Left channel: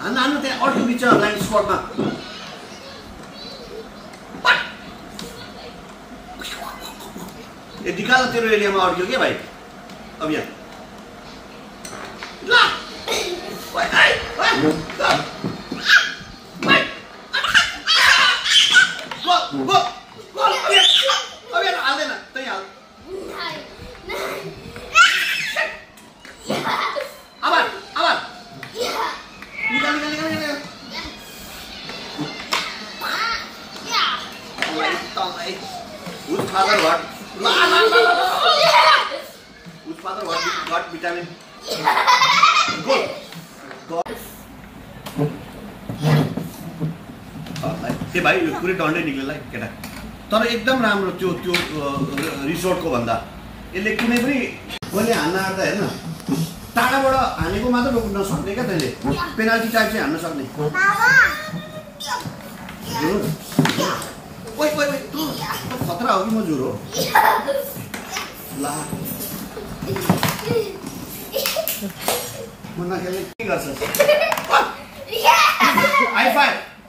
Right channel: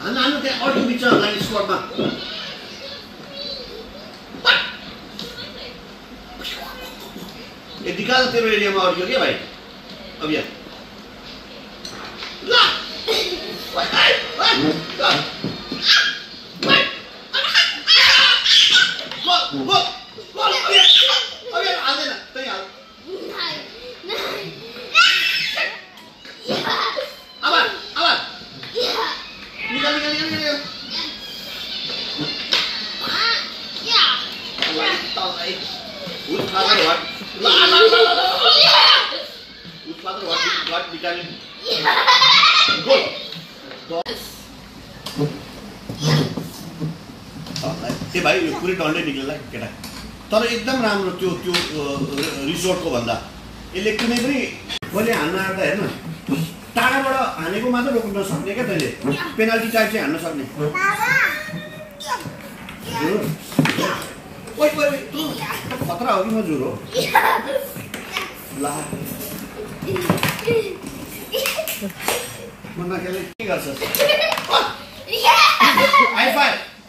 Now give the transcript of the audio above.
हान्न त्यहाँ अल्टो बिच लाइन स्पटमा निकाल तेरो एरियामा अड्क्यो क्या भाइ अब यहाँ ल हाल्दैन त्यही हाल अब निकाल Whose father what? La. Whose father what vitamin? Go. ए भाइ यो पुरै डन्डै निक्लेला केटा तर एकदम राम्रो त्यो रिसोर्टको भन्दा यसले कुनै पनि मैले हान्न आउँदा हेर्न टाढाबाट हानेको मात्र रोक्न नसक्ने क्या तैँले पेनाल्टी टाइप चाहिँ हान्न सक्ने ओइ तँ खतरा हो कि म जुर हो ला म नखेले के गर्छस् हाई फाइभ